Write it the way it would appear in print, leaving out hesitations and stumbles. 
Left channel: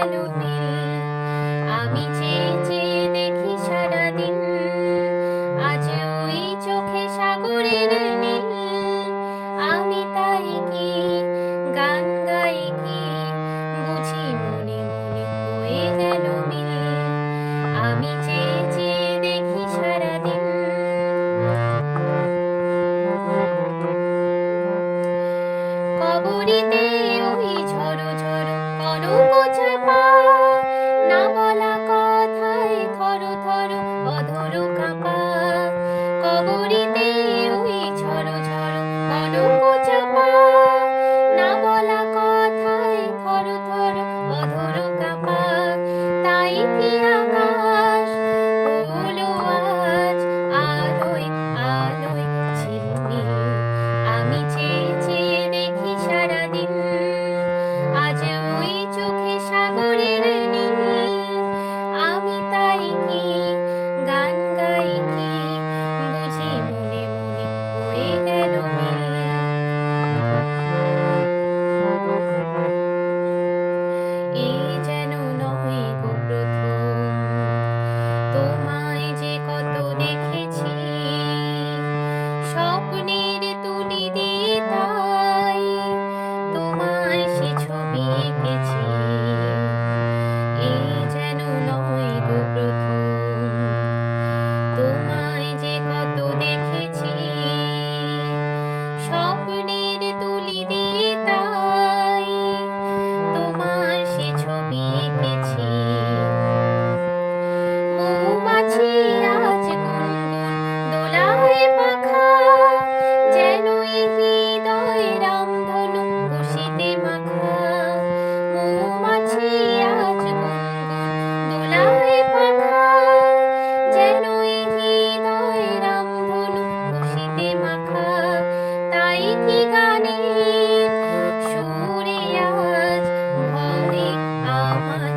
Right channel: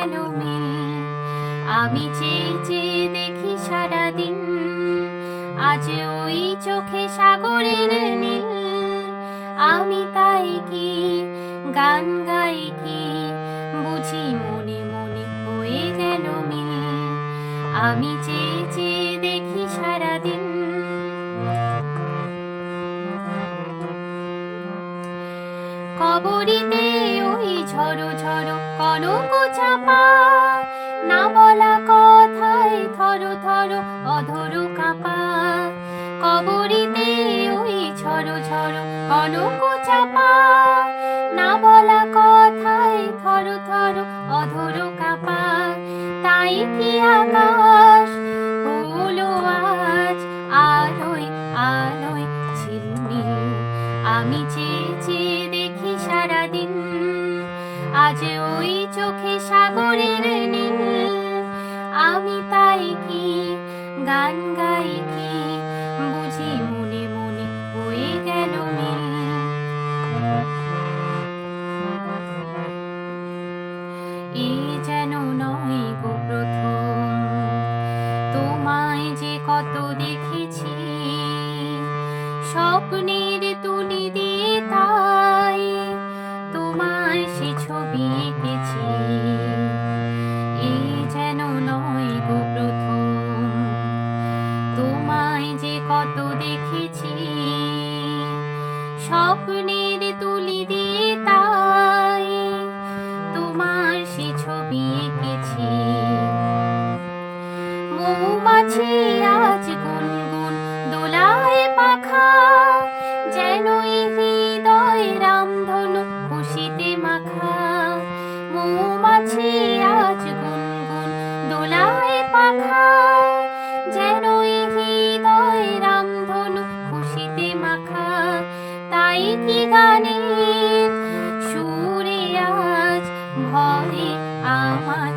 গেল মিল। আমি চেয়ে চেয়ে দেখি সারাদিন, আজ ওই চোখে সাগরের নীল। আমি তাই কি গান গাই কি, বুঝি মনে মনে হয়ে গেল মিল। আমি চেয়ে চেয়ে দেখি সারাদিন। কবরীতে ওই ঝড়ো ঝড়ো কনক চাপা, না বলা কথায় থরো থরো অধর কাপা। কবরীতে ওই ঝড়ো ঝড়ো কনক চাপা, না বলা কথায় থরো থরো অধর কাপা। তাই কি আকাশ হলো আজ আলোয় আলোয় ঝিলমিল। আমি চেয়ে চেয়ে দেখি সারাদিন, আজ ওই চোখে সাগরের নীল। আমি তাই কি গান গাই কি, বুঝি মনে মনে হয়ে গেল মিল। এ যেন নয় গো প্রথম, তোমায় যে কত দেখেছি স্বপ্নের তুলি দিয়ে, তাই তোমার সে ছবি এঁকেছি। এ যেন নয় গো প্রথম, তোমায় যে কত দেখেছি স্বপ্নের তুলি দিয়ে, তাই তোমার সে ছবি এঁকেছি। মৌমাছি আজ গুনগুন দোলায় পাখা, যেন এই হৃদয় রামধনু খুশিতে মাখা। মৌমাছি আজ গুনগুন দোলায় পাখা, যেন এই হৃদয় রামধনু খুশিতে মাখা। তাই কি গানের সুরে আজ ভরে আমার